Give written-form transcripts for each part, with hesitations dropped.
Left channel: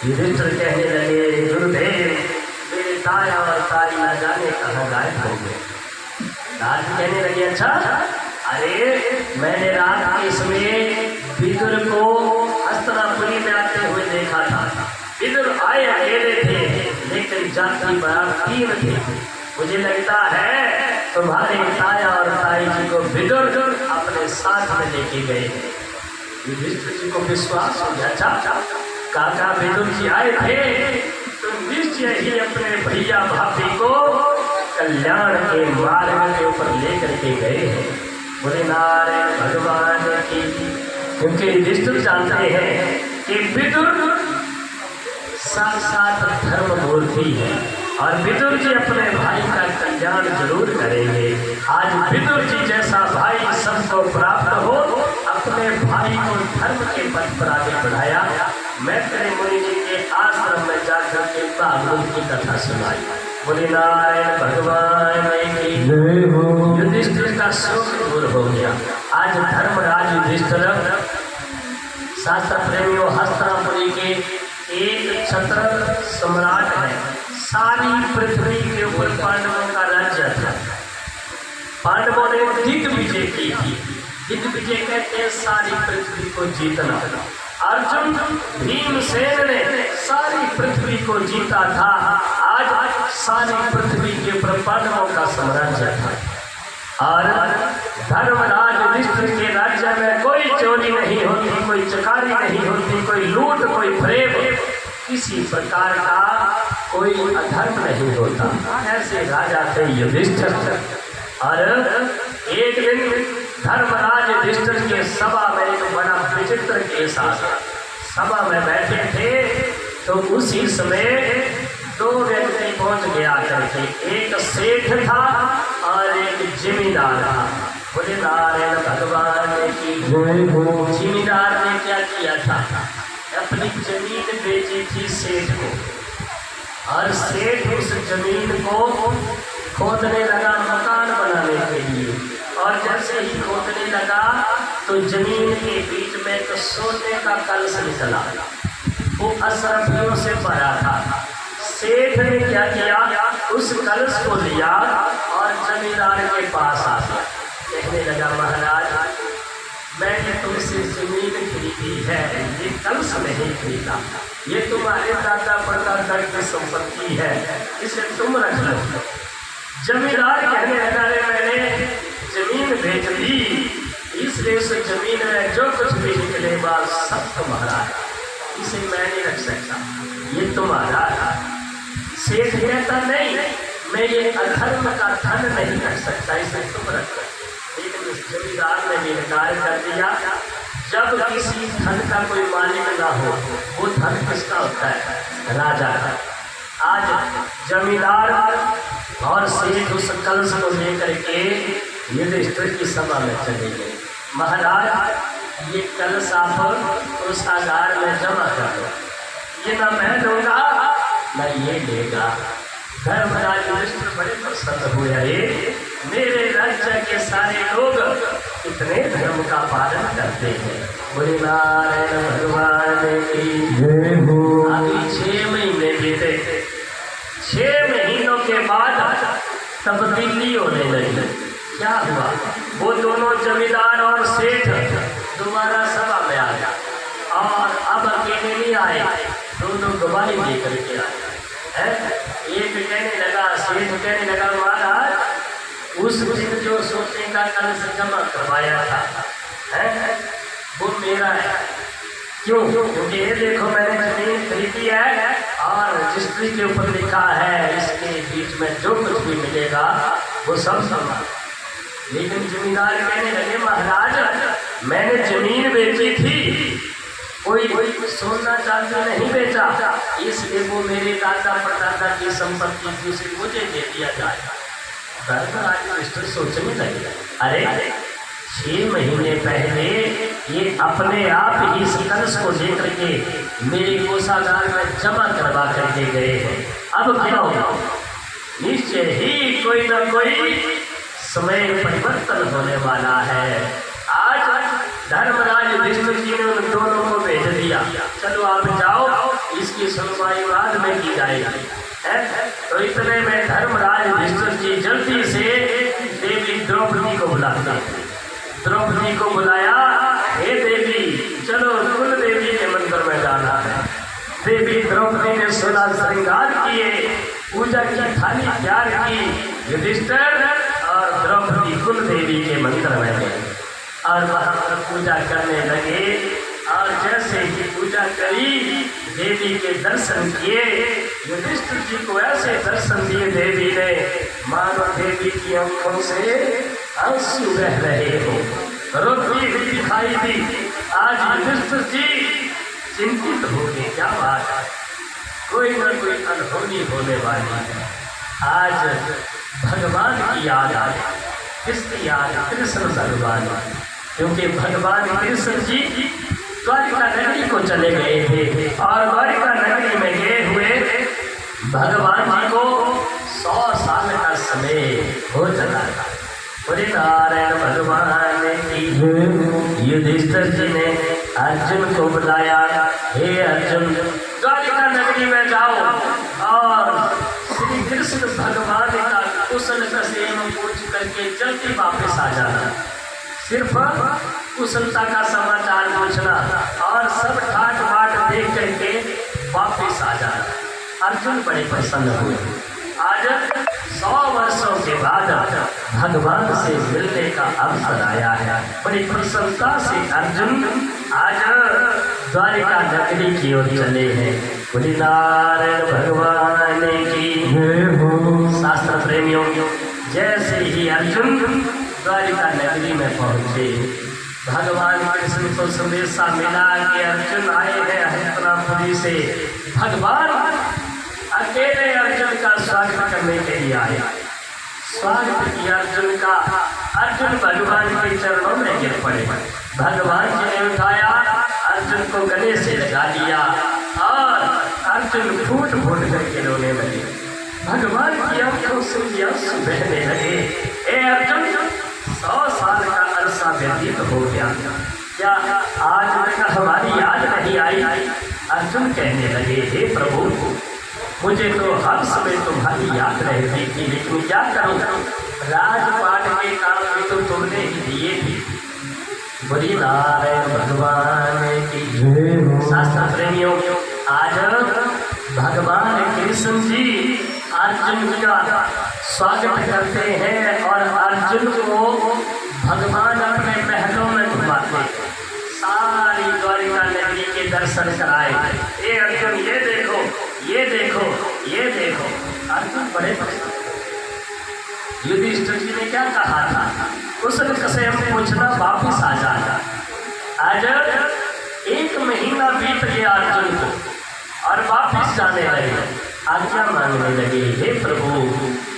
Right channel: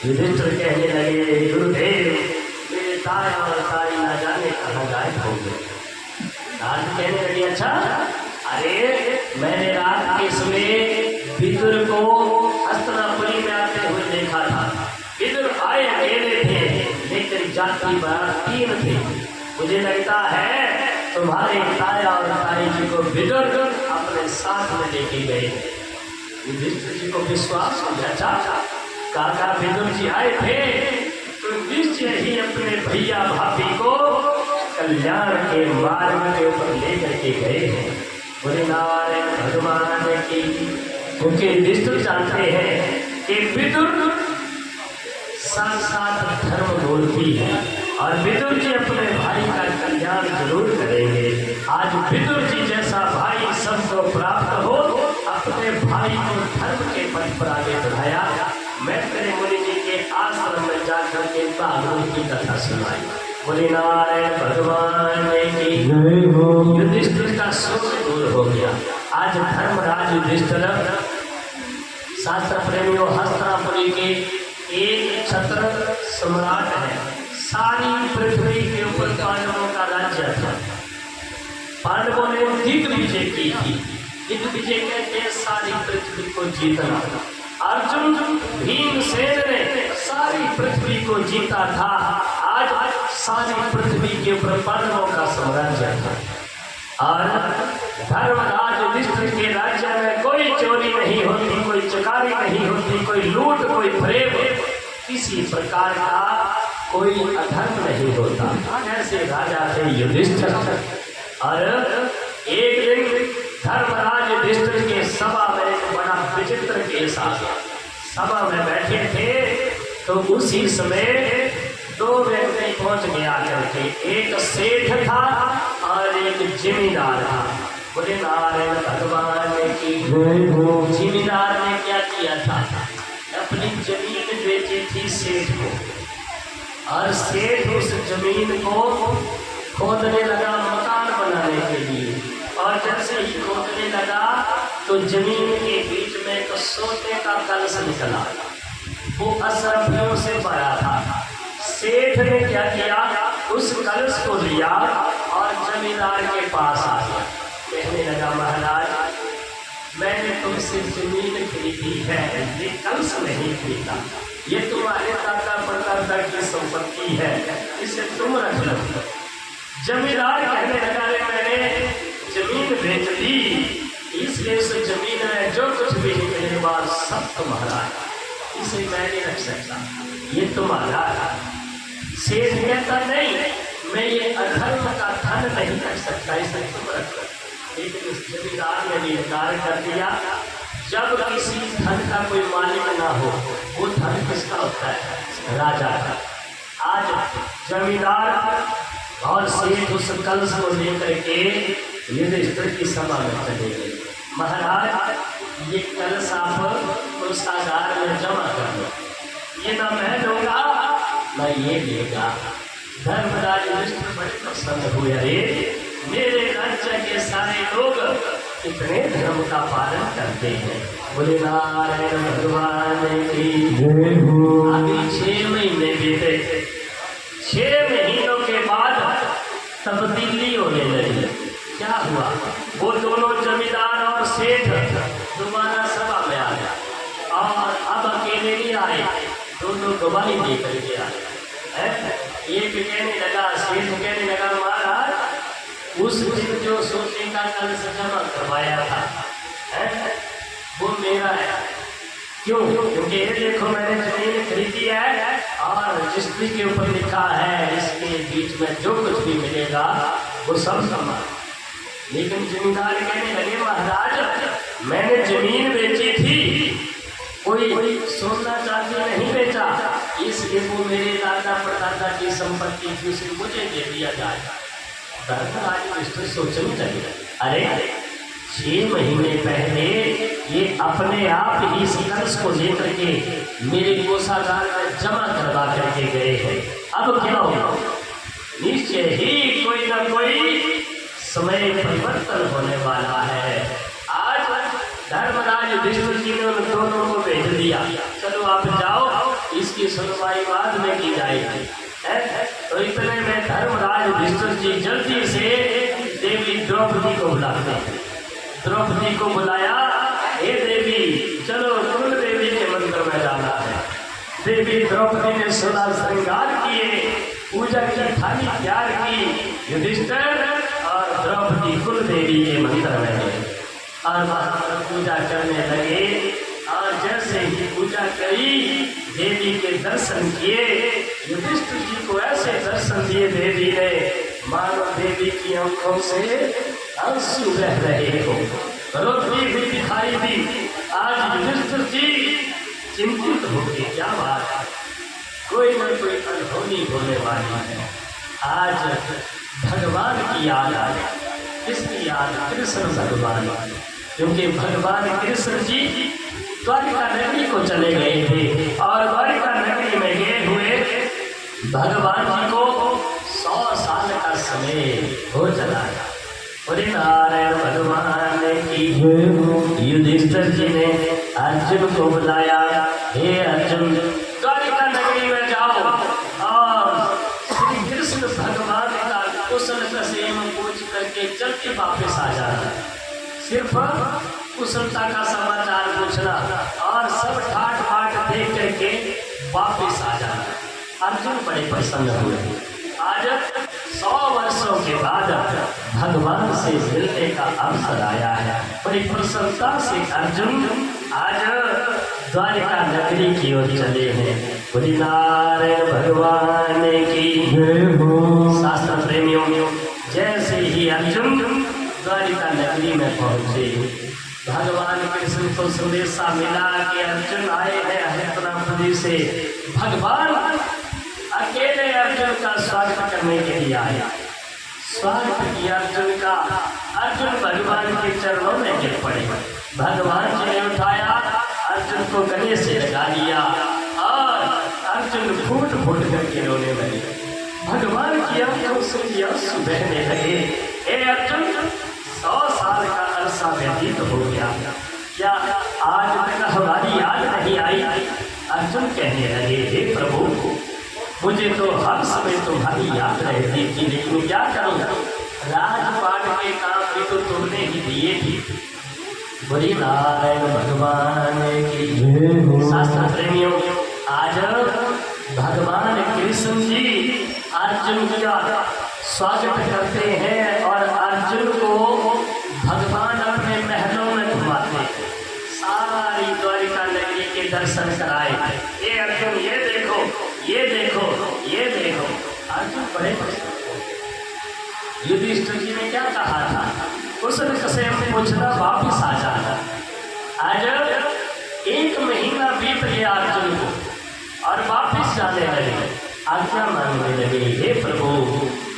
युधिष्ठिर कहने लगे, गुरुदेव मेरे ताया और ताई न जाने कहाँ गायब हो गए। नाथ कहने लगे, अच्छा, अरे मैंने रात के समय विदुर को हस्तिनापुरी में आते हुए देखा था। विदुर आए अकेले थे, लेकिन जाति बराबर 3 थे। मुझे लगता है तुम्हारे ताया और ताई जी को विदुर अपने साथ में लेके गए। युधिष्ठिर जी को विश्वास हो गया, अच्छा काका विदुर जी आए थे तो निश्चय ही अपने भैया भाभी को कल्याण के मार्ग के ऊपर लेकर के गए हैं। बोले नारायण भगवान की। क्योंकि युधिष्ठिर जानते हैं कि विदुर साक्षात धर्म मूर्ति है और विदुर जी अपने भाई का कल्याण जरूर करेंगे। आज विदुर जी जैसा भाई सबको प्राप्त हो, अपने भाई को धर्म के पथ पर आगे बढ़ाया। मैत्रेय मुनि जी के आश्रम में जाकर के भागवत की कथा सुनाई। बोले नारायण भगवान की जय हो। युधिष्ठिर का शोक दूर हो गया। आज धर्मराज युधिष्ठिर शास्त्र प्रेमियों हस्तिनापुरी के एक छत्र सम्राट है। सारी पृथ्वी के ऊपर पांडवों का राज्य था। पांडवों ने दिग्विजय की थी। दिग्विजय कहते हैं सारी पृथ्वी को जीतना। अर्जुन भीमसेन ने सारी पृथ्वी को जीता था। आज सारी पृथ्वी के ऊपर पांडवों का साम्राज्य था। और धर्मराज युधिष्ठिर के राज्य में कोई चोरी नहीं होती, कोई चकारी नहीं होती, कोई लूट, कोई प्रेम, किसी प्रकार का कोई अधर्म नहीं होता। ऐसे राजा थे युधिष्ठिर। और एक दिन धर्मराज युधिष्ठिर के सभा में एक बड़ा विचित्र केस आया। सभा में बैठे थे तो उसी समय 2 व्यक्ति पहुंच गया करके। एक सेठ था और एक जिमीदार था। बोले नारायण भगवान की जय हो। जिमीदार ने क्या किया था, अपनी जमीन बेची थी सेठ को, और सेठ उस जमीन को खोदने लगा मकान बनाने के लिए। और जैसे ही खोदने लगा तो जमीन के बीच में एक सोने का कलश निकला। वो अशरफियों से भरा था। सेठ ने क्या किया, उस कलश को लिया और जमींदार के पास आ गया। कहने लगा, महाराज मैंने तुमसे जमीन खरीदी है, ये कलश नहीं खरीदा। ये तुम्हारे दादा परदादा की संपत्ति है, इसे तुम रख लो। जमींदार कहने लगा, मैंने जमीन बेच ली, इसलिए उस जमीन में जो कुछ भी निकले बात सब तुम्हारा है, इसे मैं नहीं रख सकता, ये तुम्हारा है। सेठ कहता, नहीं, मैं ये अधर्म का धन नहीं रख सकता, इसे तुम रख सकते। लेकिन उस जमींदार ने भी इनकार कर दिया। जब किसी धन का कोई मालिक ना हो, वो धन किसका होता है, राजा का। आज जमींदार और सेठ उस कलश को लेकर के युधिष्ठिर की सभा में चले गए। महाराज ये कलश आप उस आगार में जमा कर दो, ये ना मैं दूंगा ना ये लेगा। धर्मराज युधिष्ठिर बड़े प्रसन्न हुए, अरे मेरे राज्य के सारे लोग कितने धर्म का पालन करते हैं। बोले नारायण भगवान की जय हो। अभी 6 महीने बीते। 6 महीनों के बाद तब्दीली होने लगी। क्या हुआ, वो दोनों जमींदार और सेठ दोबारा सभा में आ गया और अब अकेले नहीं आए, दोनों गवाही दे करके आए। एक कहने लगा, सेठ कहने लगा, महाराज उस दिन जो सोने का कलश जमा करवाया था वो मेरा है। क्यों? क्योंकि ये देखो मैंने जमीन खरीदी है और रजिस्ट्री के ऊपर लिखा है इसके बीच में जो कुछ भी मिलेगा वो सब समान। लेकिन जमींदार कहने लगे, महाराज मैंने जमीन बेची थी, कोई सोना चांदी नहीं बेचा, इसलिए वो मेरे दादा परदादा की संपत्ति थी, उसे मुझे दे दिया जाएगा। धर्मराज मिस्टर सोचने लगे, अरे 6 महीने पहले ये अपने आप ही इस कलश को लेकर के मेरे कोषागार में जमा करवा करके गए हैं, अब क्या होगा? निश्चय ही कोई ना कोई समय परिवर्तन होने वाला है। आज धर्मराज युधिष्ठिर जी ने उन दोनों को भेज दिया, चलो आप जाओ, इसकी सुनवाई बाद में की जाएगी। तो इतने में धर्मराज युधिष्ठिर जी जल्दी से देवी द्रौपदी को बुलाते हैं। द्रौपदी को बुलाया, हे देवी चलो कुल देवी के मंदिर में जाना है। देवी द्रौपदी ने 16 श्रृंगार किए, पूजा की थाली तैयार की। युधिष्ठिर और द्रौपदी कुल देवी के मंदिर में गए और वहां पर पूजा करने लगे। और जैसे ही पूजा करी, देवी के दर्शन किए, युधिष्ठिर जी को ऐसे दर्शन दिए देवी ने मानो देवी की आंखों से आंसू बह रहे हो, रोती हुई दिखाई दी। आज युधिष्ठिर जी चिंतित हो गए, क्या बात है, कोई ना कोई अनहोनी होने वाली है। आज भगवान की याद आ गई। किसकी याद? कृष्ण भगवान। क्योंकि भगवान कृष्ण जी द्वारिका नगरी को चले गए थे और द्वारिका नगरी में गए हुए भगवान जी को 100 साल का समय हो चला था। नारायण भगवान की युधिष्ठिर जी ने अर्जुन को बुलाया, हे अर्जुन द्वारिका नगरी में जाओ और श्री कृष्ण भगवान का कुशल क्षेम पूछ करके जल्दी वापस आ जाना। सिर्फ कुशलता का समाचार पूछना और सब ठाट बाट देख करके वापस आ जाना। अर्जुन बड़े प्रसन्न हुए। आज 100 वर्षों के बाद भगवान से मिलने का अवसर आया है। बड़ी प्रसन्नता से अर्जुन आज द्वारिका नगरी की ओर चले हैं। बोली नारायण भगवान की जय हो। शास्त्र प्रेमियों, जैसे ही अर्जुन द्वारिका नगरी में पहुंचे, भगवान कृष्ण को संदेशा मिला कि अर्जुन आए हैं हस्तिनापुरी से। भगवान अकेले अर्जुन का स्वागत करने के लिए आए। स्वागत किया अर्जुन का। अर्जुन भगवान के चरणों में गिर पड़े। भगवान जी ने उठाया, अर्जुन को गले से लगा लिया और अर्जुन फूट फूट करके रोने लगे। भगवान की आंखों से आंसू बहने लगे। ए अर्जुन, 100 साल का अरसा व्यतीत हो गया, क्या आज तक हमारी याद नहीं आई? अर्जुन कहने लगे, हे प्रभु, मुझे तो हर समय तुम्हारी याद रहती थी, लेकिन क्या करूं, राजपाट के काम भी तो तुमने ही दिए थे। बोली नारायण भगवान की जय हो। शास्त्र प्रेमियों, आज भगवान कृष्ण जी अर्जुन का स्वागत करते हैं और अर्जुन को भगवान अपने महलों में घुमाते हैं। सारी द्वारिका नगरी के दर्शन कराए। ये अर्जुन ये देखो, ये देखो, ये देखो। अर्जुन बड़े प्रसन्न। युधिष्ठिर जी ने क्या कहा था? कुशल क्षेम पूछना, वापिस आ जाना। आज 1 महीना बीत गया अर्जुन को और वापिस जाने लगे। आज्ञा मांगने लगे, हे प्रभु,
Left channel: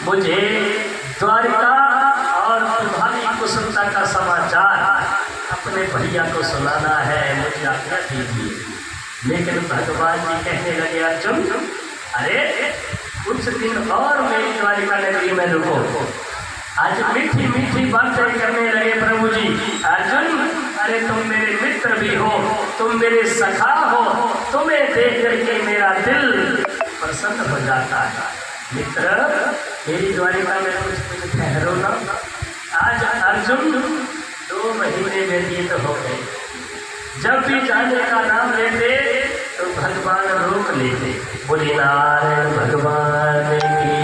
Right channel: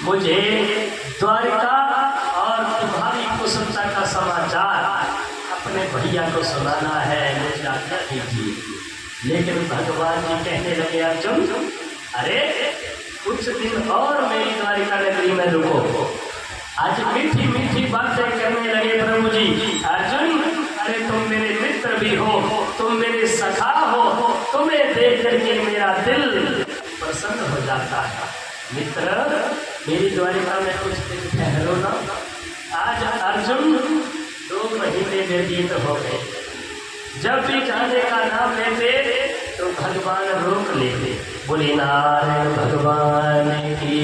मुझे द्वारिका और तुम्हारी कुशलता का समाचार अपने भैया को सुनाना है, मुझे आज्ञा दीजिए। लेकिन भगवान जी कहने लगे, अर्जुन अरे कुछ दिन और मेरी द्वारिका नगरी में रुको। आज मीठी मीठी बातें करने लगे प्रभु जी। अर्जुन, अरे तुम मेरे मित्र भी हो, तुम मेरे सखा हो, तुम्हें देख करके मेरा दिल प्रसन्न हो जाता है। मित्र, मेरी द्वारिका में कुछ दिन ठहरो ना। आज अर्जुन 2 महीने व्यतीत हो गए। जब भी जाने का नाम लेते तो भगवान रोक लेते। बोले नारायण भगवान की